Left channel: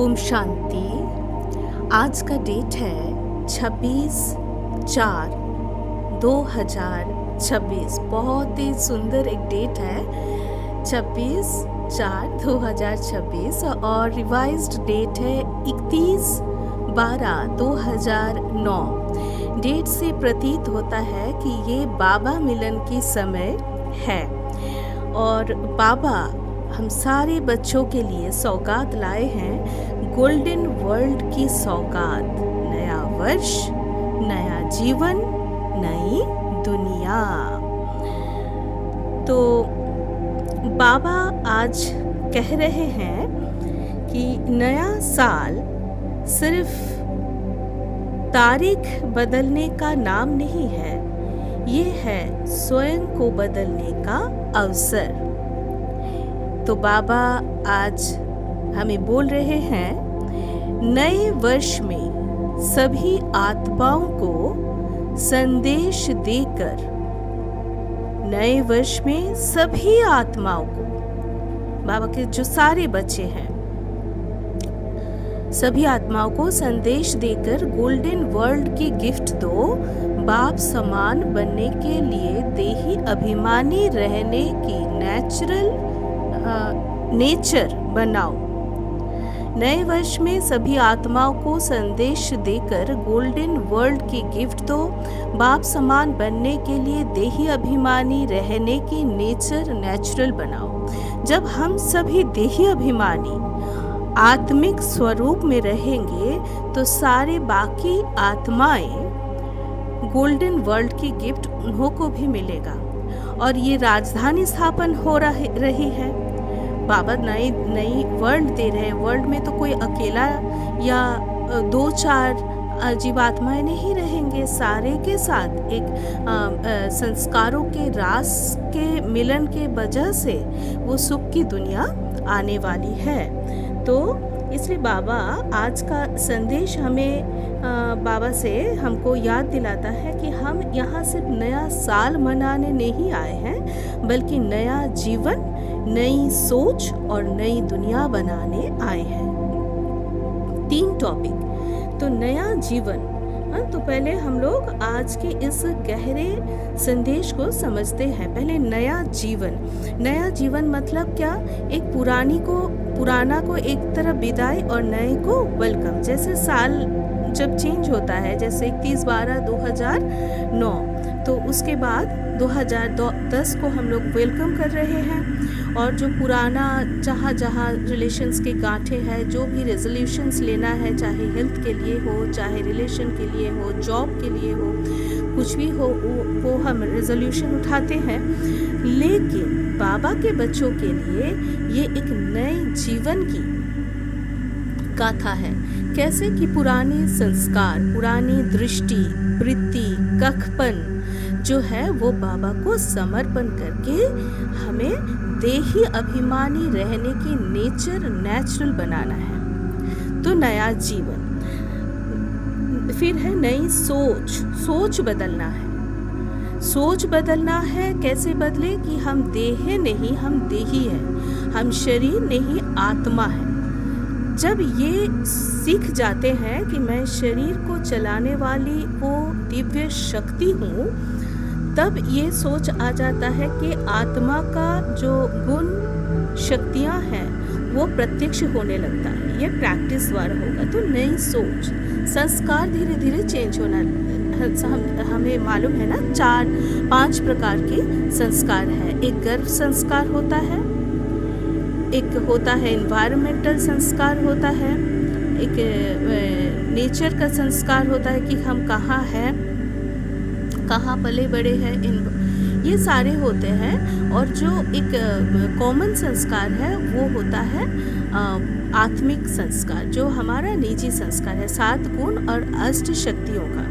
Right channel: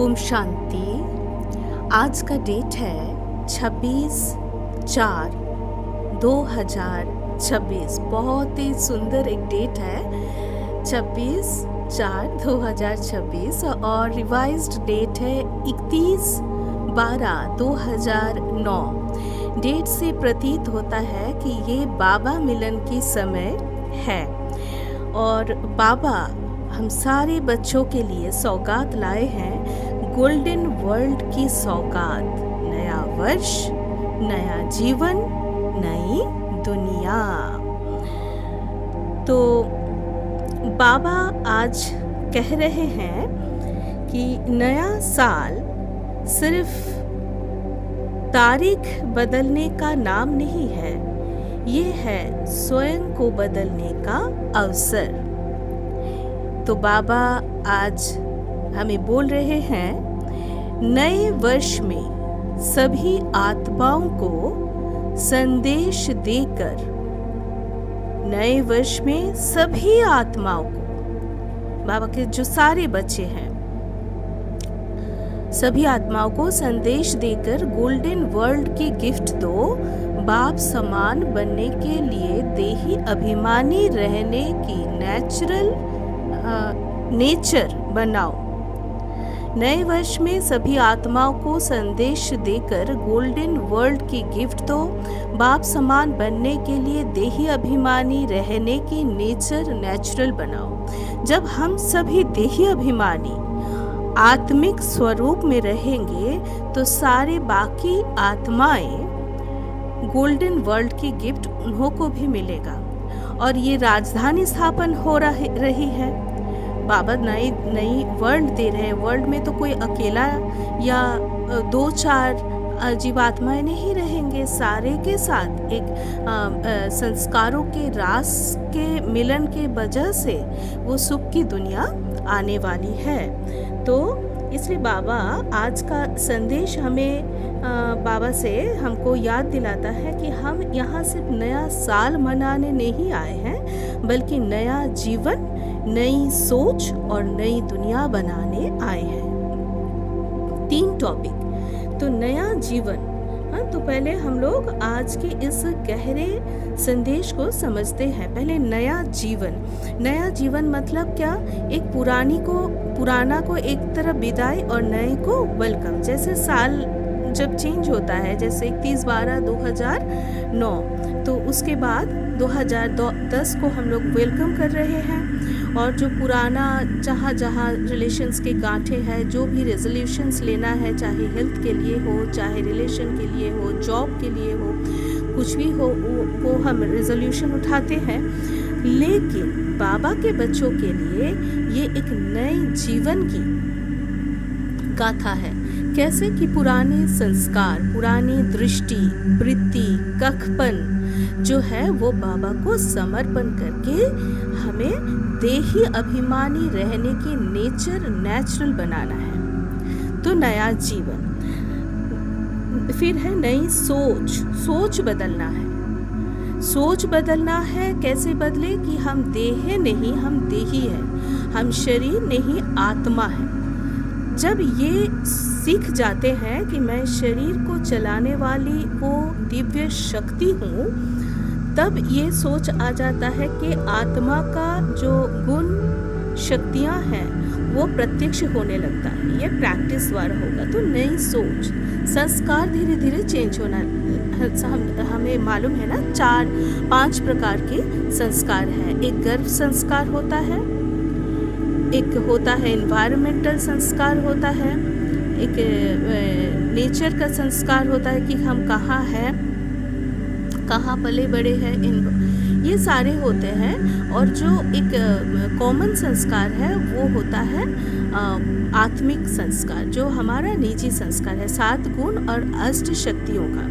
ओम शांति। आज का डेट है 26/4/2026। बहुत ही सुंदर एक डेट है 26/4/2026 और रिवाइज्ड डेट है 31/12/2009। डेट से प्रतीत होता है कि ये बाबा मिलन की समय है और बाबा हम सारे बच्चों के लिए सौगात लाए हैं, गोल्डन वर्ल्ड की सौगात। नया वर्ष, नया जीवन, नई दुनिया। तो बाबा आज कह रहे हैं कि नया साल सिर्फ तारीख बदलने का नाम नहीं है, ये है स्वयं को बदलने का अवसर। तो बाबा आज हमें बोल रहे हैं, नए वर्ष में सभी आत्माओं को संदेश देकर, नए वर्ष में सभी आत्माओं को, बाबा के जो सारे बच्चे हैं, सभी आत्माओं को संदेश देकर गोल्डन वर्ल्ड की गिफ्ट दो। बाप समान बनने के लिए देही अभिमानी रहने की नेचर बनाओ। नए वर्ष में सभी आत्माओं को संदेश देकर गोल्डन वर्ल्ड की गिफ्ट दो। बाप समान बनने के लिए देही अभिमानी रहने की नेचुरल बनाओ। जब हम सभी देही अभिमानी आत्मिक स्वरूप में रहेंगे तो सारे बाकी आत्माएं गोल्डन वर्ल्ड की गिफ्ट उन्हों को भी मिलेगा। और ये राजधानी स्थापन हो रही है। बाबा नई वर्ल्ड दे रहे हैं। वर्ल्ड में तो कोई अकेला या 2-4 जीवात्माएं नहीं रहेंगे, सारे के साथ एक संस्कारों के रास के मिलन के वजह से वो सुख की दुनिया आने वाली है। तो इसलिए बाबा आज का संदेश हमें बाबा से हमको याद दिलाता है कि हम यहाँ सिर्फ नया साल मनाने नहीं आए हैं, बल्कि नया जीवन, नई सोच और नई दुनिया बनाने आए हैं। 3 टॉपिक। तो नया जीवन, तो पहले हम लोग आज के इस गहरे संदेश को समझते हैं। पहले नया जीवन मतलब क्या? एक पुराना को एक तरफ विदाई और नए को वेलकम। जैसे साल जब चेंज होता है, जैसे 31/12/2009, तो उसके बाद 2010 को हम लोग वेलकम कर रहे हैं। और जो पुराना जहाँ रिलेशंस के गांठे हैं, जो भी रेजोल्यूशंस लेना है, चाहे हेल्थ के लिए हो, चाहे रिलेशन के लिए हो, जॉब के लिए हो, कुछ भी हो, वो हम रेजोल्यूशन उठाते हैं। लेकिन बाबा के बच्चों के लिए ये एक नए जीवन की गाथा है। कैसे कि पुराने संस्कार, पुरानी दृष्टि, वृत्ति, कखपन जो है वो बाबा को समर्पण करके हमें देही अभिमानी रहने की नेचुरल बनाना है। तो नया जीवन। फिर है नई सोच बदलना है। सोच बदलना है। कैसे बदले? कि हम देह नहीं, हम देही है, हम शरीर नहीं, आत्मा है। जब ये सीख जाते हैं कि मैं शरीर को चलाने वाली वो दिव्य शक्ति हूँ, तब ये सोच आ जाता है कि आत्मा का जो गुण शक्तियाँ हैं वो प्रत्यक्ष होने लगता है। ये प्रैक्टिस द्वारा होगा। तो नई सोच, संस्कार धीरे धीरे चेंज होना। हमें मालूम है ना, 4-5 प्रकार के संस्कार है। एक गर्भ संस्कार होता है, एक होता है एनवायरमेंटल संस्कार होता है, एक नेचर का संस्कार होता है कि हम कहाँ हैं, कहाँ पले बड़े हैं, ये सारे होते हैं। और जो एक कॉमन संस्कार है वो होता है आत्मिक संस्कार, जो हमारा निजी संस्कार है, 7 गुण और 8 शक्तियों का।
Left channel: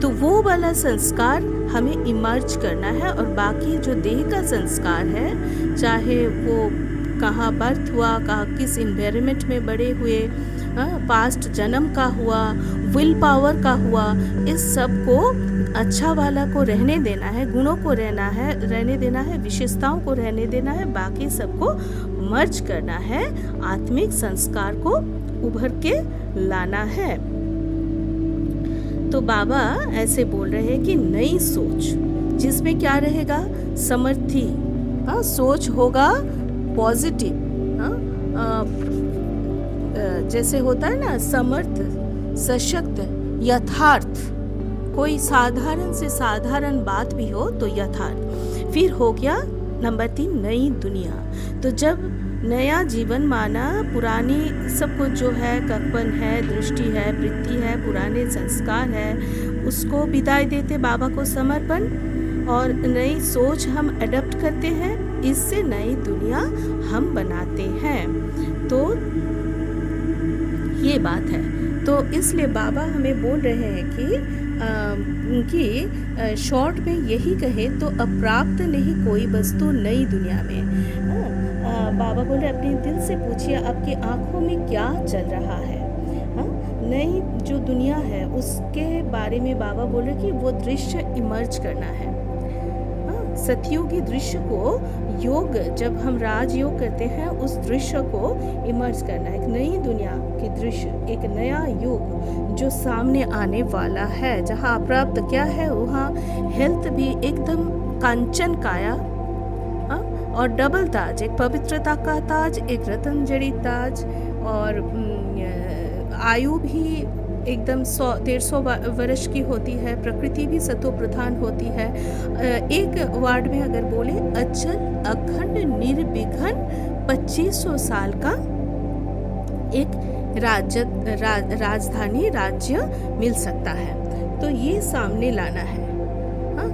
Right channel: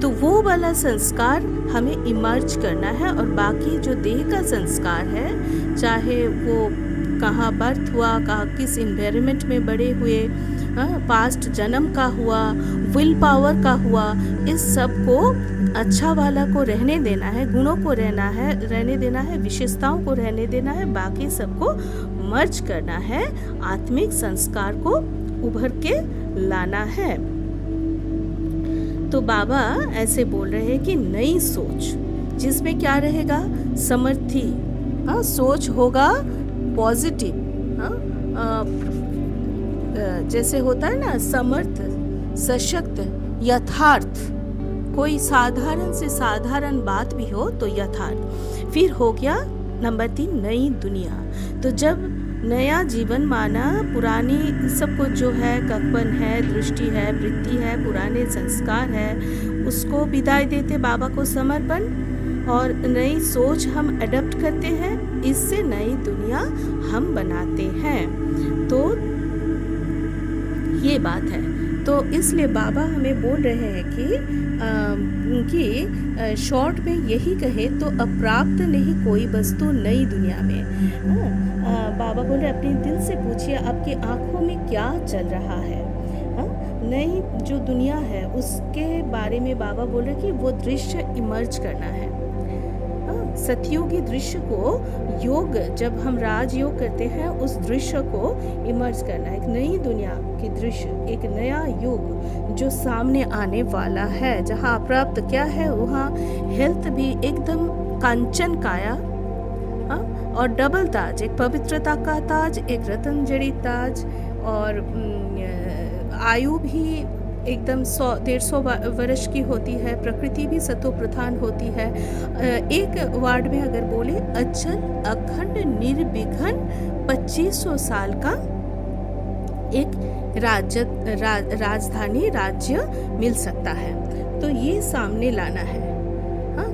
तो वो वाला संस्कार हमें इमर्ज करना है। और बाकी जो देह का संस्कार है, चाहे वो कहाँ बर्थ हुआ, कहाँ किस इन्वायरमेंट में बड़े हुए, पास्ट जन्म का हुआ, विल पावर का हुआ, इस सब को अच्छा वाला को रहने देना है, गुणों को रहने देना है, विशेषताओं को रहने देना है, बाकी सबको मर्ज करना है, आत्मिक संस्कार को उभर के लाना है। तो बाबा ऐसे बोल रहे हैं कि नई सोच जिसमें क्या रहेगा, समर्थी सोच होगा, पॉजिटिव, जैसे होता है ना समर्थ, सशक्त, यथार्थ, कोई साधारण से साधारण बात भी हो तो यथार्थ। फिर हो गया नंबर 3 नई दुनिया। तो जब नया जीवन माना, पुरानी सब कुछ जो है, ककपन है, दृष्टि है, वृत्ति है, पुराने संस्कार है, उसको विदाई देते, बाबा को समर्पण, और नई सोच हम अडॉप्ट करते हैं, इससे नई दुनिया हम बनाते हैं। तो ये बात है। तो इसलिए बाबा हमें बोल रहे हैं कि शॉर्ट में यही कहे तो अप्राप्त नहीं कोई वस्तु नई दुनिया में। बाबा बोल रहे अपने दिल से पूछिए आपकी आंखों में क्या चल रहा है। नई जो दुनिया है उसके बारे में बाबा बोल रहे कि वो दृश्य इमर्ज करना है। सतयुगी दृश्य को योग, जब हम राजयोग करते हैं उस दृश्य को इमर्ज करना है, एक नई दुनिया की दृश्य, एक नया युग जो सामने आने वाला है, जहाँ अप्राप्त क्या है, वहाँ हेल्थ भी एकदम कांचन काया, और डबल ताज, एक पवित्रता का ताज, एक रतन जड़ी ताज, और आयु भी एकदम 100-150 वर्ष की होती है, प्रकृति भी सतो प्रधान होती है। एक वार्ड में अगर बोले अचल अखंड निर्विघ्न 2500 साल का एक राजधानी राज्य मिल सकता है। तो ये सामने लाना है।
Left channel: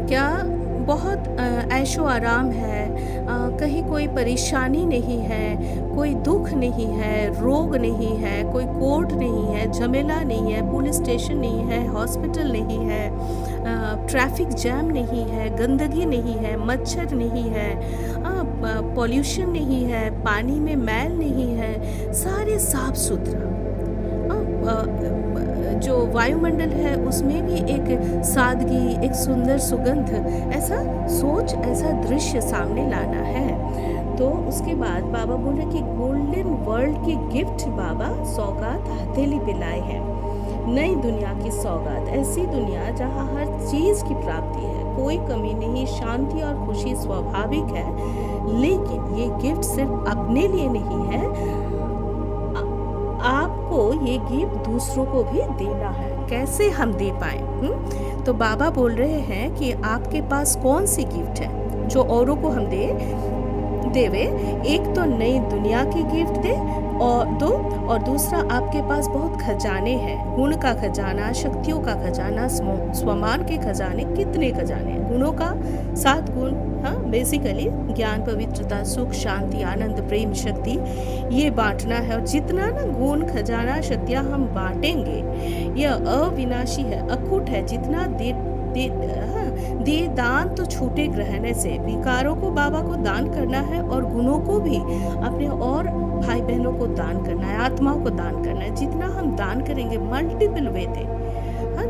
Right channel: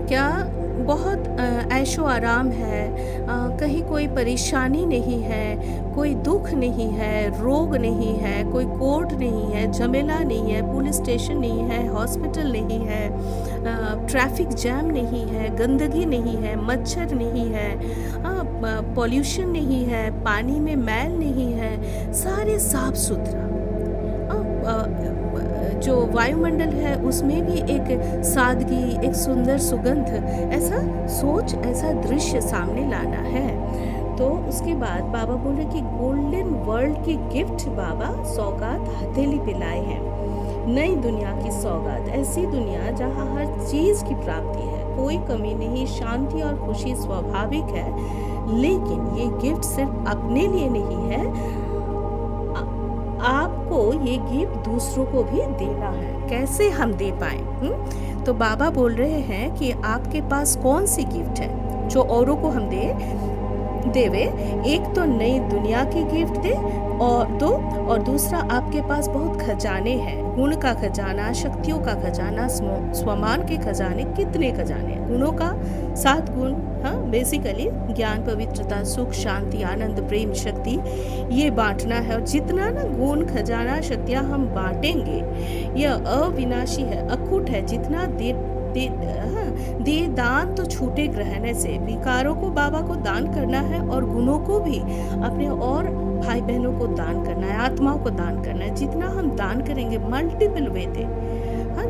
क्या बहुत ऐशो आराम है, कहीं कोई परेशानी नहीं है, कोई दुख नहीं है, रोग नहीं है, कोई कोर्ट नहीं है, झमेला नहीं है, पुलिस स्टेशन नहीं है, हॉस्पिटल नहीं है, ट्रैफिक जैम नहीं है, गंदगी नहीं है, मच्छर नहीं है, पॉल्यूशन नहीं है, पानी में मैल नहीं है, सारे साफ सुथरा। जो वायुमंडल है उसमें भी एक सादगी, एक सुंदर सुगंध, ऐसा सोच, ऐसा दृश्य सामने लाना है। तो उसके बाद बाबा बोले कि गोल्डन वर्ल्ड की गिफ्ट बाबा सौगात हथेली पे लाए हैं। नई दुनिया की सौगात, ऐसी दुनिया जहाँ हर चीज़ की प्राप्ति है, कोई कमी नहीं, शांति और खुशी स्वाभाविक है। लेकिन ये गिफ्ट सिर्फ अपने लिए नहीं है, आपको ये गिफ्ट दूसरों को भी देना है। कैसे हम दे पाए? तो बाबा बोल रहे हैं कि आपके पास कौन सी गिफ्ट है जो औरों को हम देवे। एक तो नई दुनिया की गिफ्ट दे, और दूसरा आपके पास बहुत खजाने हैं, गुण का खजाना, शक्तियों का खजाना, स्वमान के खजाने। कितने खजाने हैं? गुणों का 7 गुण, बेसिकली ज्ञान, पवित्रता, सुख, शांति, आनंद, प्रेम, शक्ति, ये बांटना है। और जितना ना गुण, खजाना, शक्तियाँ हम बांटेंगे, यह अविनाशी है, अखुट है। जितना दे दान तो छूटे ग्रहण से। विकारों को बाबा को दान करना है, और गुणों को भी अपने और भाई बहनों को दान करना है, आत्माओं को दान करना है। जितना हम दान करेंगे मल्टीपल वे थे।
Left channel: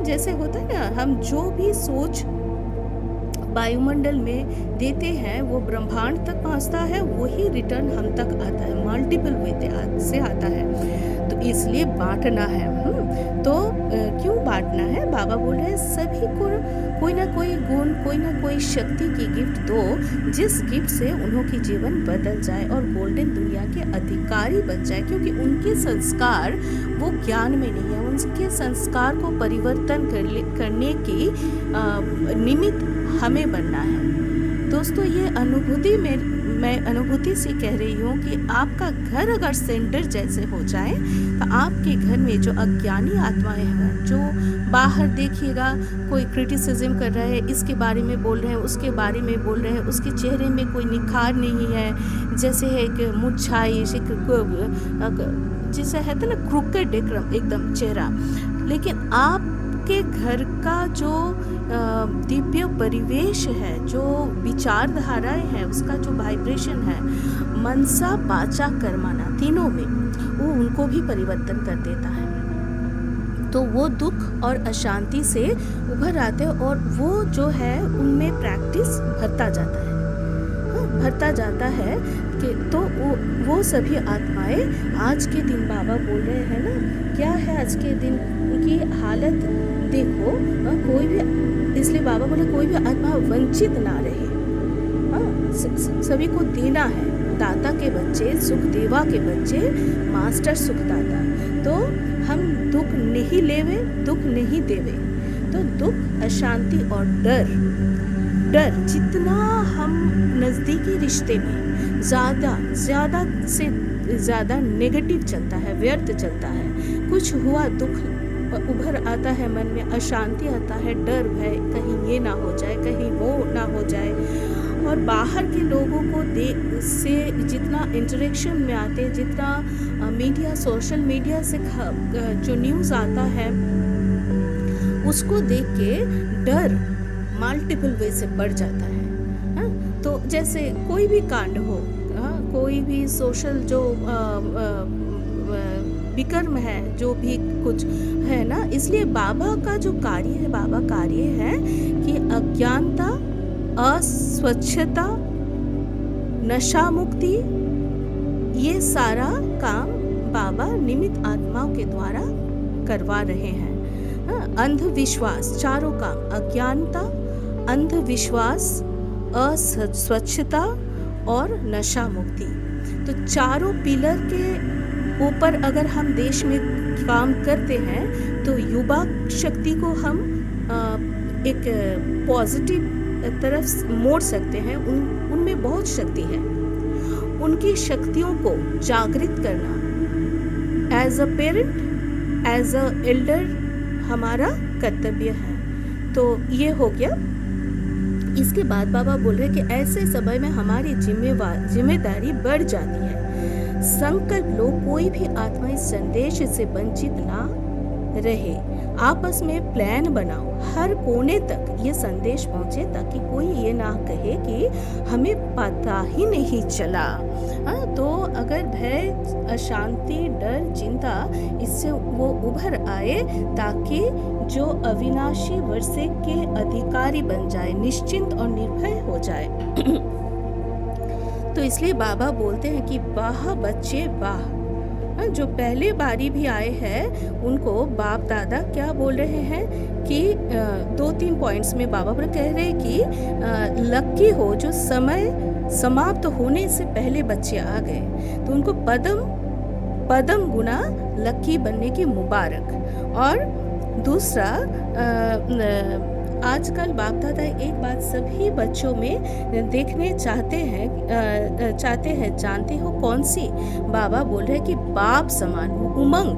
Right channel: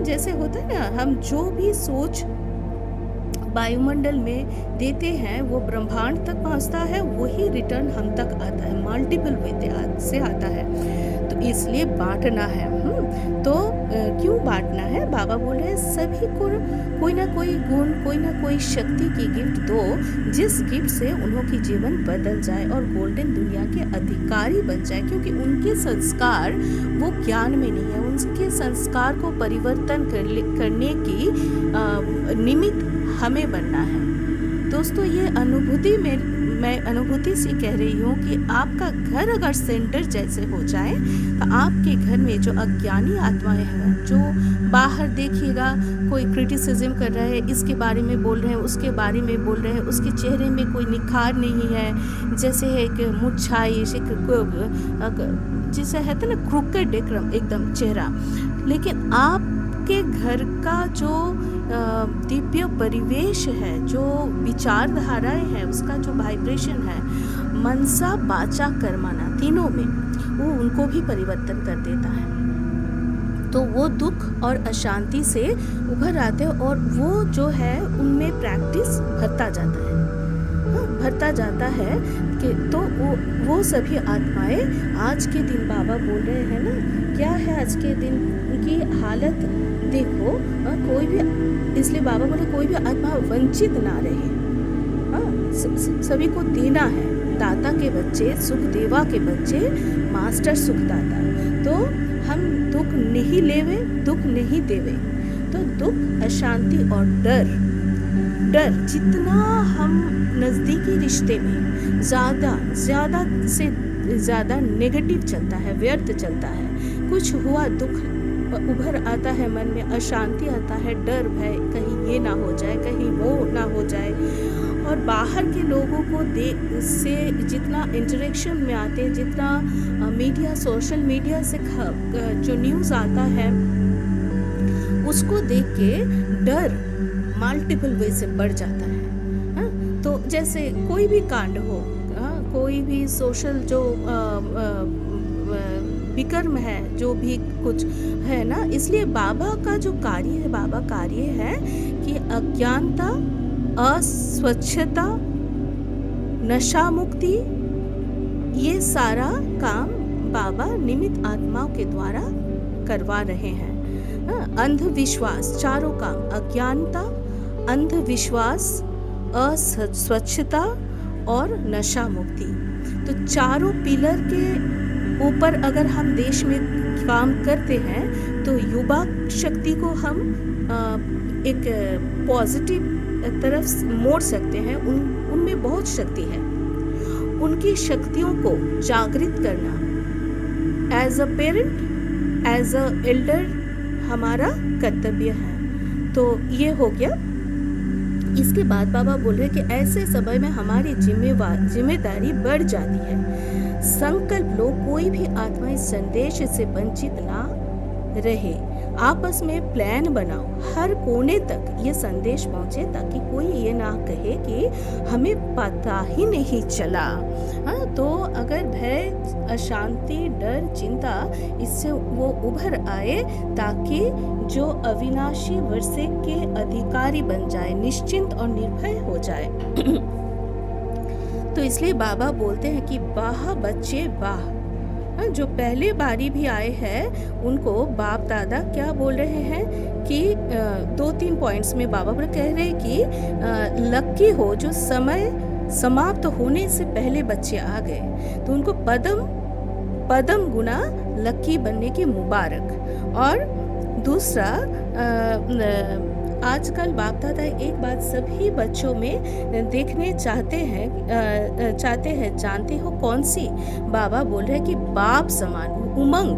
जैसे होता है ना, हम जो भी सोच वायुमंडल में देते हैं वो ब्रह्मांड तक पहुंचता है, वही रिटर्न हम तक आता है, मल्टीपल वे से आता है। तो इसलिए बांटना है। तो क्यों बांटना है? बाबा बोल रहे हैं सभी को कोई ना कोई गुण, कोई ना कोई शक्ति की गिफ्ट दो, जिस गिफ्ट से उन्हों की जीवन बदल जाए और गोल्डन दुनिया के अधिकारी बन जाए। क्योंकि उनके संस्कार वो ज्ञान में नहीं है, उनके संस्कार को परिवर्तन करने की निमित्त हमें बनना है। दोस्तों, ये अनुभूति मैं अनुभूति से कह रही हूँ कि आपका घर अगर सेंटर जैसे हो जाए, तो आपके घर में जो अज्ञानी आत्माएं हैं, जो बाहर देखिएगा कोई क्रिटिसिज्म कर रहा है, इसके बारे में बोल रहे हैं, उसके बारे में बोल रहे हैं, उसके चेहरे में कोई निखार नहीं है, जैसे है एक मुरझाई, जिसे है ना क्रूकेड एकदम चेहरा। लेकिन आपके घर का जो दिव्य परिवेश है, जो विचारधाराएं हैं, उसका जो वाइब्रेशन है, मनसा वाचा कर्मणा, तीनों में वो उनको भी परिवर्तन कर देता है। तो वो दुख और अशांति से उभर आते हैं और वो जो है उनमें प्रैक्टिस भरता जाता है, हाँ, भरता जाता है कि तो वो सभी आत्माएं आज के दिन बाबा बोल रहे हैं ना, क्या है आज के दिन की हालत देखो, हाँ, कोई भी, इसलिए बाबा बोले कोई भी आत्मा वंचित ना रहे, हाँ, सभी को देना है। दाता के बच्चे, सुख देवा के बच्चे, मास्टर सुखदाता। तो हम दुख नहीं लेवे, दुख नहीं देवे। तो दुख, अशांति और डर जितना हम नज़दीकी रिश्ते में ज़्यादा से ज़्यादा नेगेटिव चलता है, व्यर्थ चलता है, कुछ हुआ दुख उभर आता है मन में, अशांति आता है, डर भय, कहीं ये ना हो जाए, कहीं वो ना हो जाए। और बाहर के लोगों को से जितना इंटरेक्शन में आते हैं, जितना मीडिया, सोशल मीडिया से जो न्यूज़ आता है उसको देख के डर मल्टीपल वे से बढ़ जाता है, हाँ? तो जैसे कोई भी कांड हो, हाँ, कोई भी सोशल जो विकर्म है, जो भी कुछ है ना, इसलिए बाबा का जो कार्य है, बाबा कार्य है कि अज्ञानता, अस्वच्छता, नशा मुक्ति, ये सारा काम बाबा निमित्त आत्माओं के द्वारा करवा रहे हैं। अंधविश्वास, चारों काम, अज्ञानता, अंधविश्वास, अस्वच्छता और नशा मुक्ति, तो चारों पिलर के ऊपर अगर हम देश में काम करते हैं तो युवा शक्ति को हम एक पॉजिटिव तरफ मोड़ सकते हैं। उनमें बहुत शक्ति है, उनकी शक्तियों को जागृत करना as a parent, as a elder हमारा कर्तव्य है। तो ये हो गया। इसके बाद बाबा बोल रहे कि ऐसे समय में हमारी जिम्मेदारी बढ़ जाती है। संकल्प लो, कोई भी आत्मा इस संदेश से वंचित ना रहे। आपस में प्लान बनाओ, हर कोने तक ये संदेश पहुंचे, ताकि कोई ये ना कहे कि हमें पता ही नहीं चला। हाँ, तो अगर भय, अशांति, डर, चिंता, इससे वो उभर आए, ताकि जो अविनाशी वर्षे के अधिकारी बन जाए, निश्चिंत और निर्भय हो जाए। तो इसलिए बाबा बोलते हैं कि वाह बच्चे वाह। जो पहले बारी भी आए हैं उनको बाप दादा क्या बोल रहे हैं कि 2-3 पॉइंट्स में बाबा पर कह रहे हैं कि लक्की हो जो समय समाप्त होने से पहले बच्चे आ गए, तो उनको पदम गुना लक्की बनने की मुबारक। और दूसरा, आजकल बाप दादा एक बात सभी बच्चों में देखने चाहते हैं, जानते हो कौन सी? बाबा बोल रहे हैं कि बाप समान उमंग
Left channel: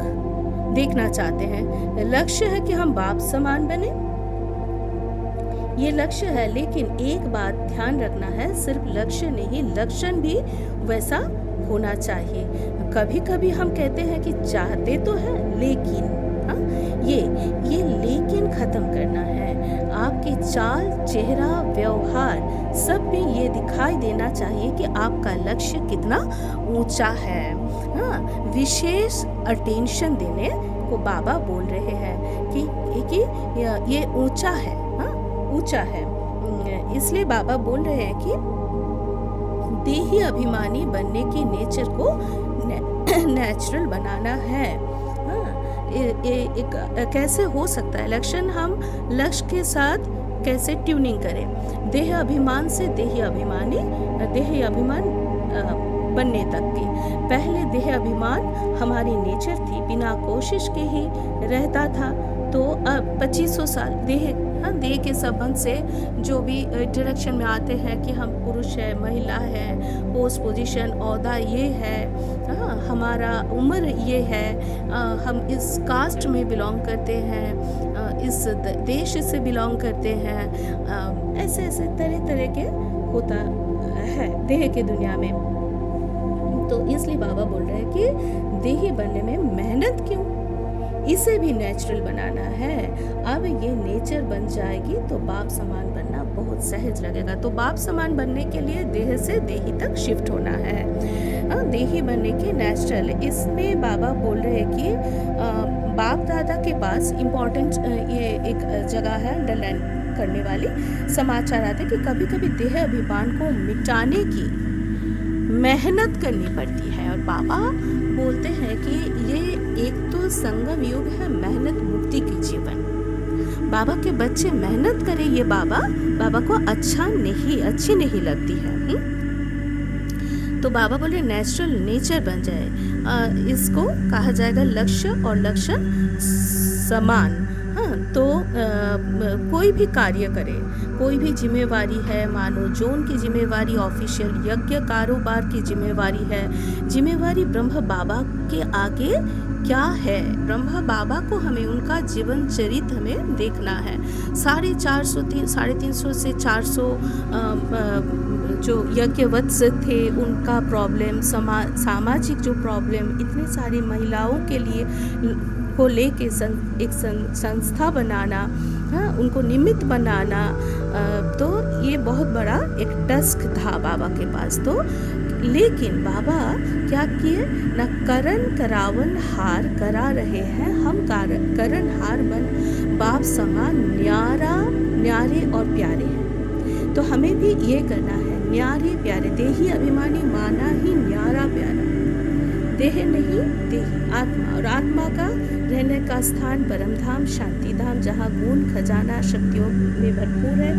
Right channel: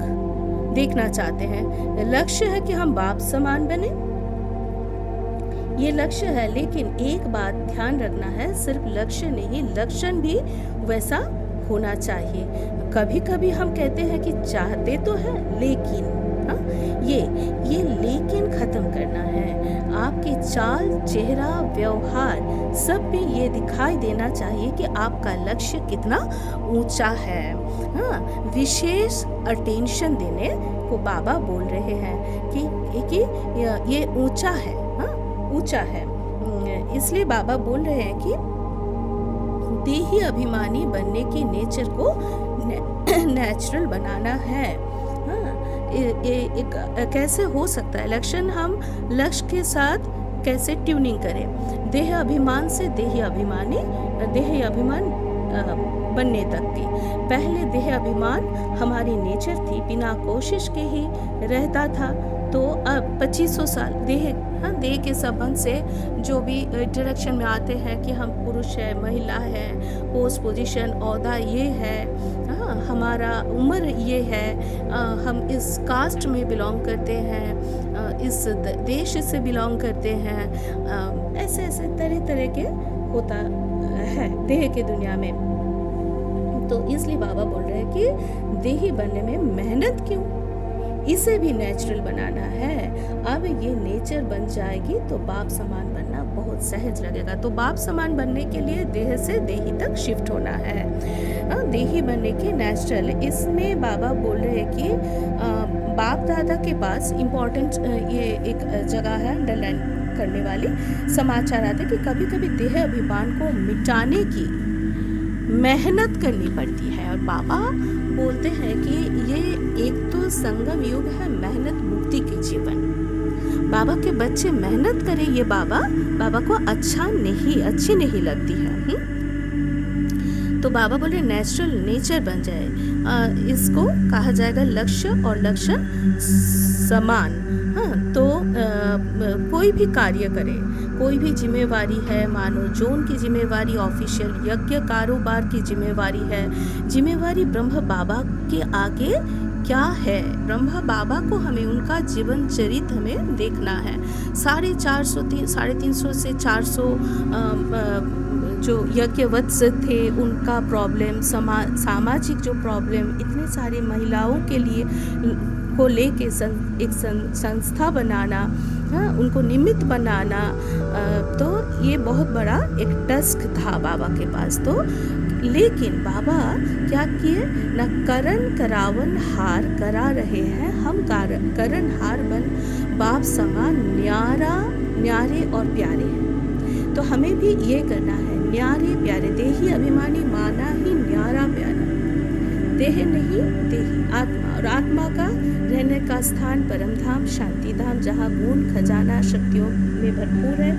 देखना चाहते हैं। लक्ष्य है कि हम बाप समान बने, ये लक्ष्य है। लेकिन एक बात ध्यान रखना है, सिर्फ लक्ष्य नहीं, लक्षण भी वैसा होना चाहिए। कभी कभी हम कहते हैं कि चाहते तो है लेकिन, हाँ, ये लेकिन खत्म करना है। आपके चाल, चेहरा, व्यवहार सब में ये दिखाई देना चाहिए कि आपका लक्ष्य कितना ऊंचा है। हाँ, विशेष अटेंशन देने को बाबा बोल रहे हैं कि ये ऊंचा है, हाँ, ऊंचा है। इसलिए बाबा बोल रहे हैं कि देही अभिमानी बनने की नेचर को नेचुरल बनाना है। कैसे हो सकता है लक्षण? हम लक्ष्य के साथ कैसे ट्यूनिंग करें? देह अभिमान से देह अभिमान बनने तक की। पहले देह अभिमान हमारी नेचर थी, बिना कोशिश के ही रहता था। तो अब 2500 साल देह के संबंध से जो भी डायरेक्शन में आते हैं कि हम पुरुष है, महिला है, पोस्ट पोजीशन, ओहदा ये है, हाँ, हमारा उम्र ये है, हम इस कास्ट में बिलोंग करते हैं, इस देश से बिलोंग करते हैं, ऐसे ऐसे तरह तरह के होता है देह के दुनिया में। तो इसलिए बाबा बोल रहे हैं कि देही बनने में मेहनत क्यों? इसे भी नेचुरल बनाना है। अब ये नेचर बन जाएगी तो बाप समान बनना बहुत सहज लगेगा। तो बाप समान बनने के लिए देह से देही तक शिफ्ट होना है। देही बनने के नेचुरल, इसमें बाबा बोल रहे हैं कि बाप दादा के पास इम्पोर्टेंट ये एक जगह है अंडरलाइन करने वाली। समाचार आते कि कभी कभी देह अभिमान को मिटाने की मेहनत करनी पड़ती है। और बाबा बोलते हैं कि ये एक तो संगम युग है, मेहनत मुक्ति की जीवन। बाबा के बच्चे मेहनत करें, ये बाबा को अच्छी नहीं लगती है। तो बाबा बोले नेचुरल नेचर बन जाए, इसको कहा जाएगा लक्ष्य और लक्षण समान। तो कोई भी कार्य करे, कोई भी जिम्मेवारी है, मानो जोन की जिम्मेवारी, ऑफिशियल यज्ञ कारोबार की जिम्मेवारी है, जिम्मेवारी ब्रह्म बाबा के आगे क्या है। ब्रह्मा बाबा को हमें उनका जीवन चरित्र हमें देखना है। 350 से 400 जो यज्ञवत्स थे उनका प्रॉब्लम, सामाजिक जो प्रॉब्लम, इतनी सारी महिलाओं के लिए को लेके एक संस्था बनाना, उनको निमित्त बनाना, तो ये बहुत बड़ा एक टास्क था बाबा के पास। तो लेकिन बाबा क्या किए ना, करण करावन हार करा रहे हैं हम, करण हार बन बाप समान न्यारे और प्यारे हैं। तो हमें भी ये करना है, न्यारे प्यारे। देही अभिमानी माना ही न्यारा प्यारा, देह नहीं देही आत्मा, और आत्मा का रहने का स्थान परम धाम, शांति धाम, जहाँ गुण खजाना शक्तियों में भरपूर है,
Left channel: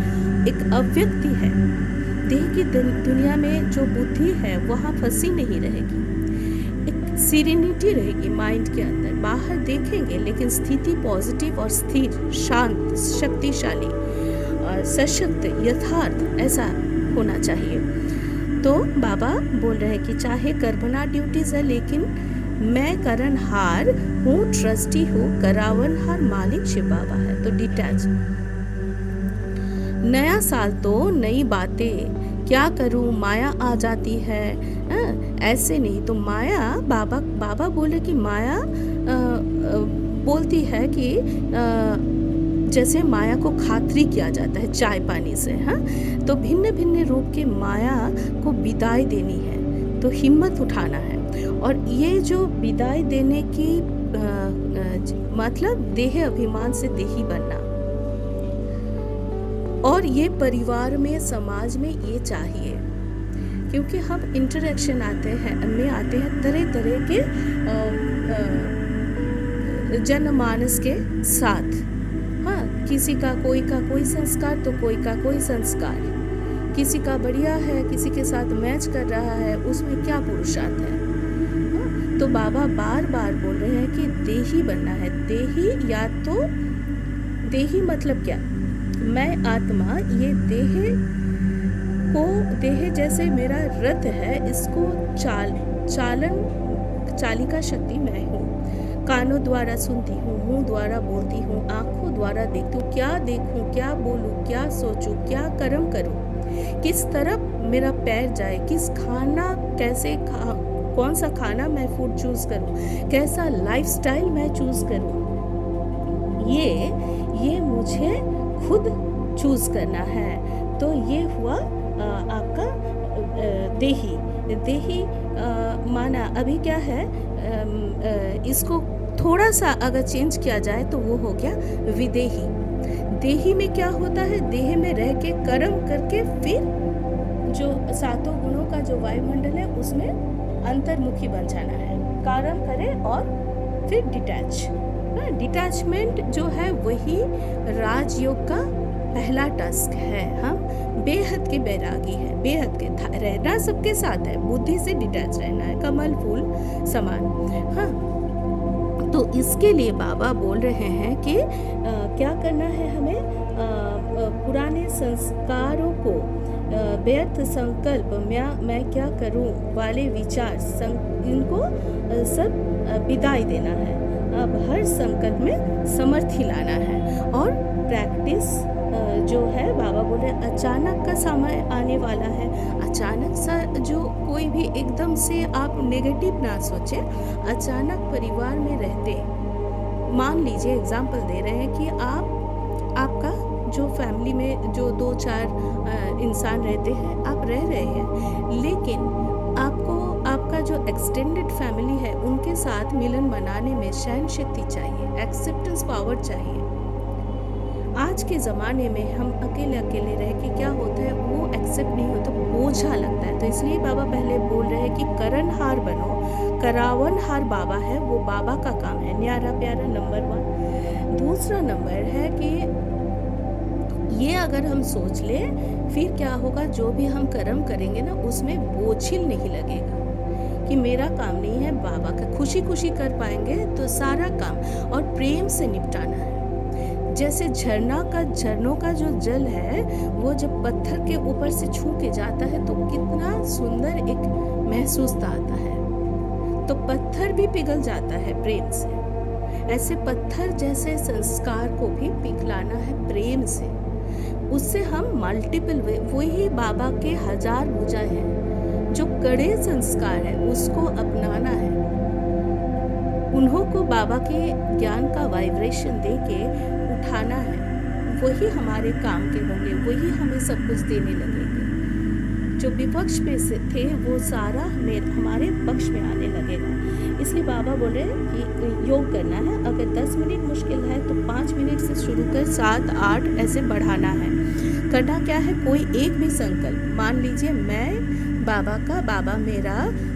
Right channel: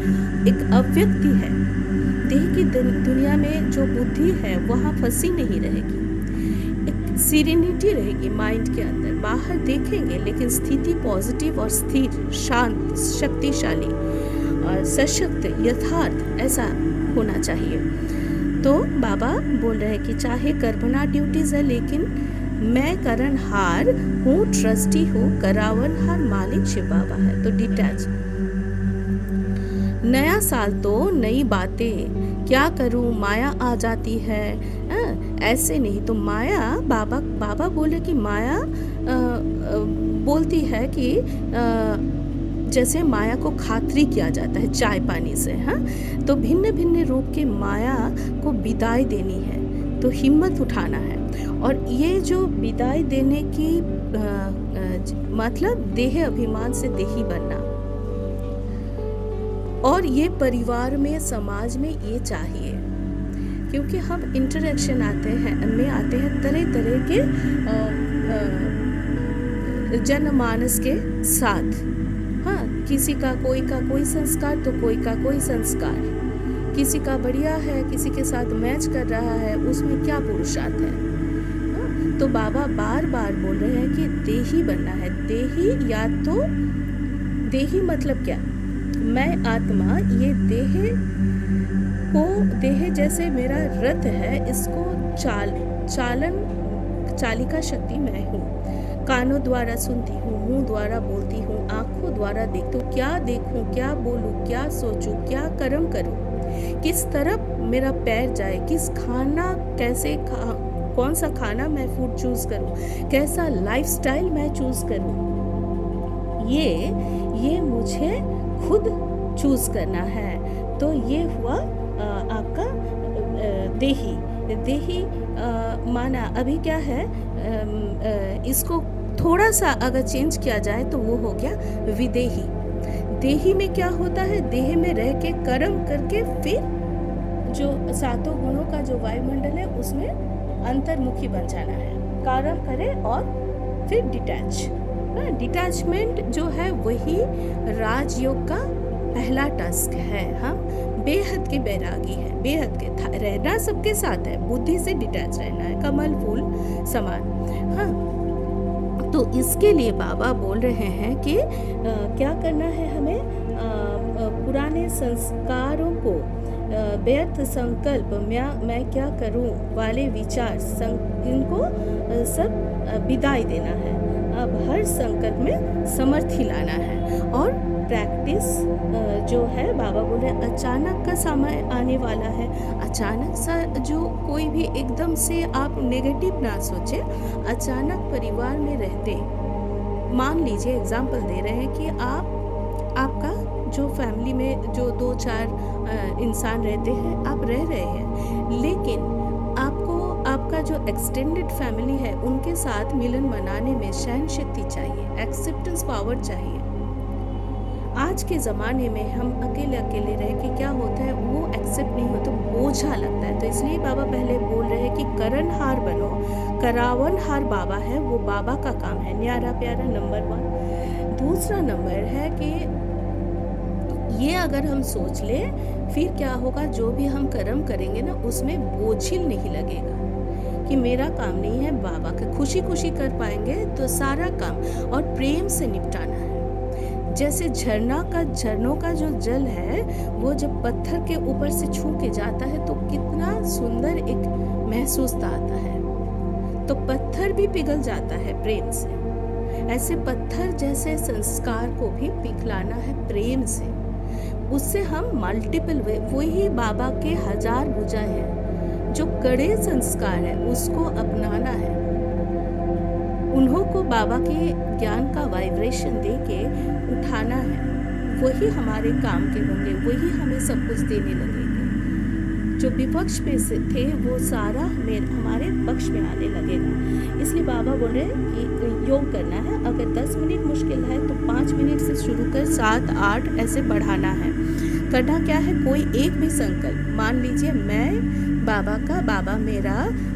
एक अव्यक्ति है। देह की दुनिया में जो बुद्धि है वहाँ फंसी नहीं रहेगी, एक सीरेनिटी रहेगी माइंड के अंदर। बाहर देखेंगे लेकिन स्थिति पॉजिटिव और स्थिर, शांत, शक्तिशाली और सशक्त, यथार्थ ऐसा होना चाहिए। तो बाबा बोल रहे हैं कि चाहे करबना ड्यूटीज है, लेकिन मैं करणहार हूँ, ट्रस्टी हूँ, करावनहार मालिक शिव बाबा है। तो डिटैच, नया साल तो नई बातें, क्या करूँ माया आ जाती है। ऐसे नहीं, तो माया बाबा बोले कि माया बोलती है कि जैसे माया को खातरी किया जाता है चाय पानी से। तो भिन्न भिन्न रूप के माया को विदाई देनी है, तो हिम्मत उठाना है। और ये जो विदाई देने की मतलब देह अभिमान से देही बनना, और ये परिवार में, समाज में ये चाहिए, क्योंकि हम इंटरेक्शन आते हैं तरह तरह के जनमानस के साथ। किसी का कोई संस्कार तो कोई का कोई संस्कार, किसी का बढ़िया है, किसी के साथ मैच कर रहा है, उसमें क्या पुरुषार्थ है। तो बाबा बार बार बोल रहे हैं कि देही बनना है। देही, या तो देही मतलब क्या, मैं आत्मा, ये देह जैसे मेरा रथ है, इसको चालिका शक्ति मैं हूँ। कानों द्वारा सुनती हूँ, मुंह द्वारा बोलती हूँ, आंखों द्वारा देखती हूँ। क्या देखूँ, क्या बोलूँ, क्या सोचूँ, क्या कर्म करूँ, किस तरफ मेरा पैर जाए, किस खाना कौन सा खाना मैं फूड चूज करूँ, कैसा लाइफस्टाइल मैं चूज करूँ, ये मुझे खुद चूज करना है। तो ये हुआ आपका देही माना। अभी क्या है, इसको थोड़ा सा अगर चेंज किया जाए तो वो हो गया विदेही। देही में क्या होता है, देह में रह के कर्म करके फिर जो 7 गुणों का जो वायुमंडल है उसमें अंतर्मुखी बन जाना है, कर्म करे और फिर डिटैचमेंट जो है वही राजयोग का पहला टास्क है। हम बेहद के बैरागी है, बेहद के रहना सबके साथ है, बुद्धि से डिटैच रहना है, कमल फूल समान। तो इसके लिए बाबा बोल रहे हैं कि क्या करना है हमें, पुराने संस्कारों को, व्यर्थ संकल्प, मैं क्या करूं वाले विचार, इनको सब विदाई देना है। अब हर संकल्प में समर्थी लाना है। और प्रैक्टिस जो है, बाबा बोले अचानक का समय आने वाला है। अचानक सा जो कोई भी एकदम से आप नेगेटिव ना सोचे। अचानक परिवार में रहते मान लीजिए एग्जाम्पल दे रहे हैं कि आपका जो फैमिली में जो 2-4 इंसान रहते हैं, आप रह रहे हैं, लेकिन आपको आपका जो एक्सटेंडेड फैमिली है उनके साथ मिलन मनाने में सहन शक्ति चाहिए, एक्सेप्टेंस पावर चाहिए। आज के ज़माने में हम अकेले अकेले रह के क्या होता है, वो एक्सेप्ट नहीं होता, बोझा लगता है। तो इसलिए बाबा पहले बोल रहे हैं कि करनहार बनो, करावनहार बाबा है, वो बाबा का काम है। न्यारा प्यारा नंबर 1। दूसरा नंबर है कि ये अगर हम सोच लें, फिर क्या होगा, जो भी हम कर्म करेंगे ना उसमें बोझिल नहीं लगेगा कि मेरा काम नहीं है, बाबा का खुशी खुशी कर पाएंगे। तो सारा काम और प्रेम से निपटाना है। जैसे झरनों का जो जल है, वो जब पत्थर के ऊपर से छू के जाता है तो कितना सुंदर एक महसूस आता है, तो पत्थर भी पिघल जाता है प्रेम से। ऐसे पत्थर जैसे संस्कार को भी पिघलाना है प्रेम से, उससे हम मल्टीपल वही बाबा के 1000 भुजाएं हैं। जो कड़े संस्कार है उसको अपनाना है, उन्हों को बाबा के ज्ञान का वाइब्रेशन दे के उठाना है, वही हमारे काम के होंगे, वही हमें सब कुछ देने लगेंगे। जो विपक्ष पे से थे वो सारा हमारे पक्ष में आने लगेगा। इसलिए बाबा बोले कि योग करना है, अगर 10 मिनट मुश्किल है तो 5 मिनट से शुरू कर 7-8 ऐसे बढ़ाना है। करना क्या है, कोई एक भी संकल्प, मान लीजिए मैं बाबा का,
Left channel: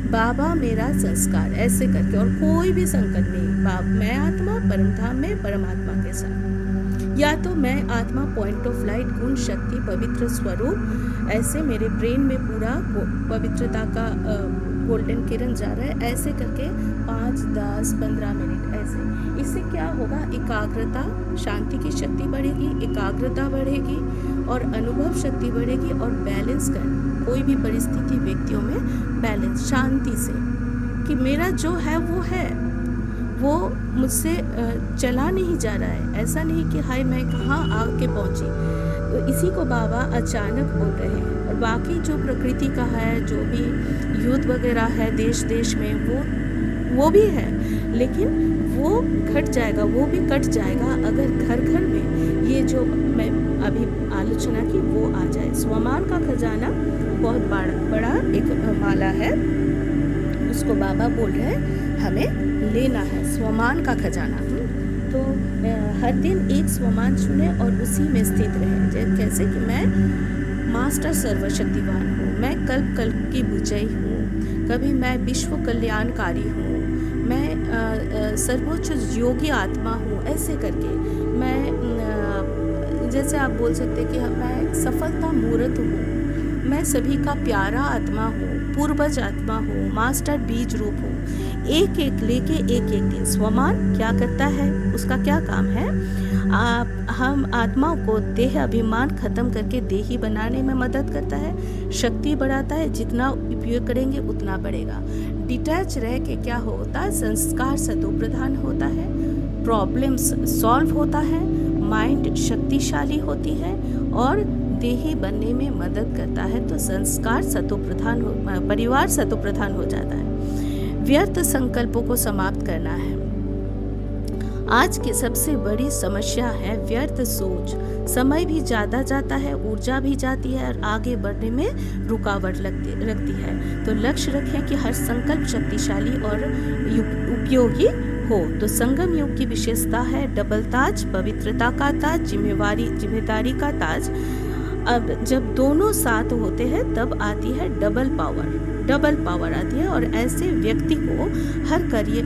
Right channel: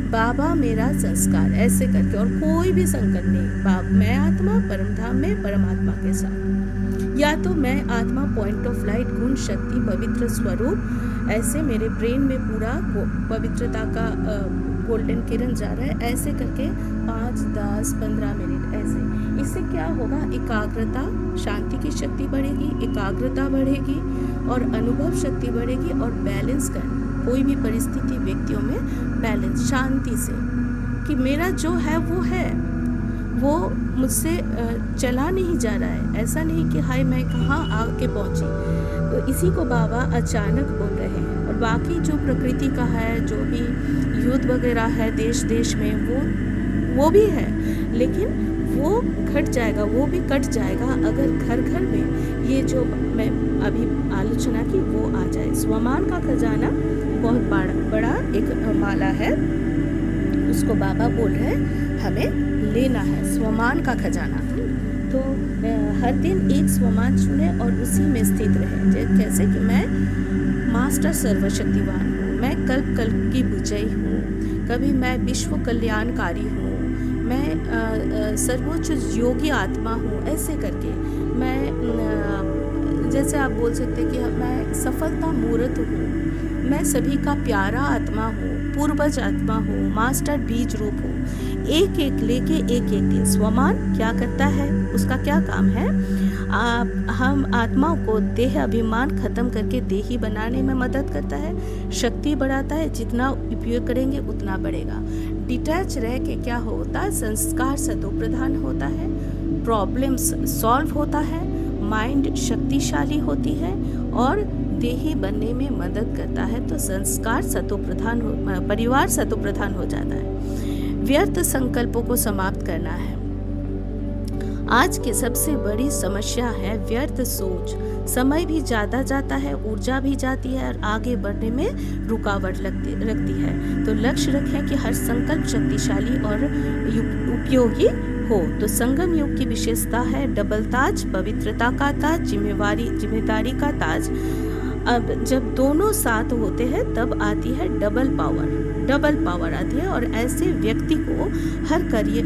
बाबा मेरा संस्कार, ऐसे करके, और कोई भी संकल्प नहीं, मैं आत्मा परमधाम में परमात्मा के साथ, या तो मैं आत्मा पॉइंट ऑफ लाइट, गुण शक्ति पवित्र स्वरूप, ऐसे मेरे ब्रेन में पूरा पवित्रता का गोल्डन किरण जा रहा है, ऐसे करके 5, 10, 15 मिनट ऐसे। इससे क्या होगा, एकाग्रता, शांति की शक्ति बढ़ेगी, एकाग्रता बढ़ेगी और अनुभव शक्ति बढ़ेगी, और बैलेंस करना, कोई भी परिस्थिति व्यक्तियों में बैलेंस, शांति से, कि मेरा जो है वो मुझसे चला नहीं जा रहा है। ऐसा नहीं कि हाय मैं कहाँ आके पहुँची। तो इसी को बाबा अचानक बोल रहे हैं। और बाकी जो प्रकृति का है, जो भी युद्ध वगैरह है देश में, वो भी है, लेकिन वो घट जाएगा, वो भी कट जाएगा अगर घर घर में ये जो मैं अभी आलोचना की वो आ जाए। स्वमान का खजाना बहुत बड़ा एक माला है, उसको बाबा बोल रहे हैं हमें लेना है, स्वमान का खजाना। तो हर दिन एक स्वमान चुने और उसी में स्थित रहे। कैसे कि मैं मास्टर सर्वशक्तिवान हूँ, मैं कल्प की विजयी हूँ, कभी मैं विश्व कल्याणकारी हूँ, मैं सर्वोच्च योगी आत्मा हूँ, ऐसे करके मैं, जैसे आप बोल सकते कि मैं सफलता मूर्त हूँ, मैं सभी का प्यारा आत्मा हूँ, पूर्वज आत्मा हूँ, मास्टर बीज रूप हूँ। एक एक लेके एक दिन स्वमान क्या करता है, उसका क्या काम है, हम आत्माओं को देह अभिमान खत्म करके देही बनाने में मदद करता है, शक्ति बढ़ाता है, जितना उपयोग करेंगे उतना बढ़ेगा। डिटैच रह के क्या होता है, संस्कार सतो प्रधान होता है, प्रॉब्लम्स सॉल्व होता है, माइंड शक्तिशाली होती है और देही बनने में मदद करता है। तो संस्कार सतो प्रधान परिवार सतो प्रधान हो जाता है। व्यर्थ संकल्पों को समाप्त करना है। आज की सबसे बड़ी समस्या है व्यर्थ सोच। समय भी ज़्यादा जाता है, ऊर्जा भी जाती है और आगे बढ़ने में रुकावट रखती है। तो लक्ष्य रखें कि हर संकल्प शक्तिशाली और उपयोगी हो। तो संगम योग की विशेषता है डबल ताज, पवित्रता का ताज, जिम्मेदारी का ताज। अब जब दोनों साथ होते हैं तब आती है डबल पावर आती है और ऐसे व्यक्ति को हर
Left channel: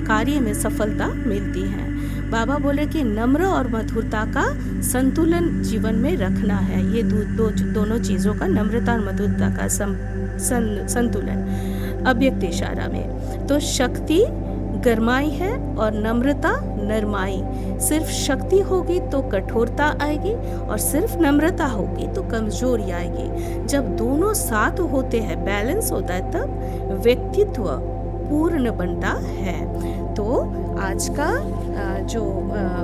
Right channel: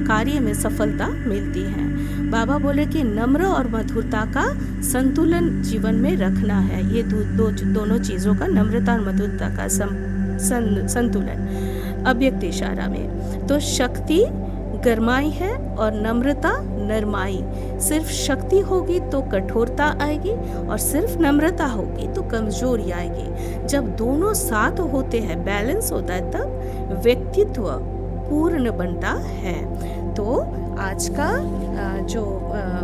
कार्य में सफलता मिलती है। बाबा बोले कि नम्र और मधुरता का संतुलन जीवन में रखना है। ये दोनों चीज़ों का, नम्रता और मधुरता का संतुलन अव्यक्त इशारा में। तो शक्ति गरमाई है और नम्रता नरमाई। सिर्फ शक्ति होगी तो कठोरता आएगी और सिर्फ नम्रता होगी तो कमजोरी आएगी। जब दोनों साथ होते हैं, बैलेंस होता है, तब व्यक्तित्व पूर्ण बनता है। तो आज का जो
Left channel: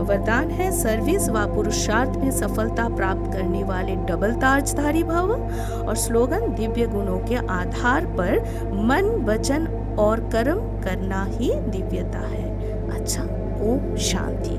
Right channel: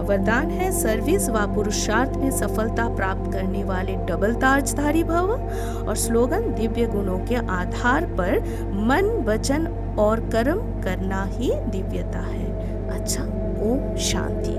वरदान है, सर्विस व पुरुषार्थ में सफलता प्राप्त करने वाले डबल ताजधारी भव। और स्लोगन, दिव्य गुणों के आधार पर मन, वचन और कर्म करना ही दिव्यता है। अच्छा, ओम शांति।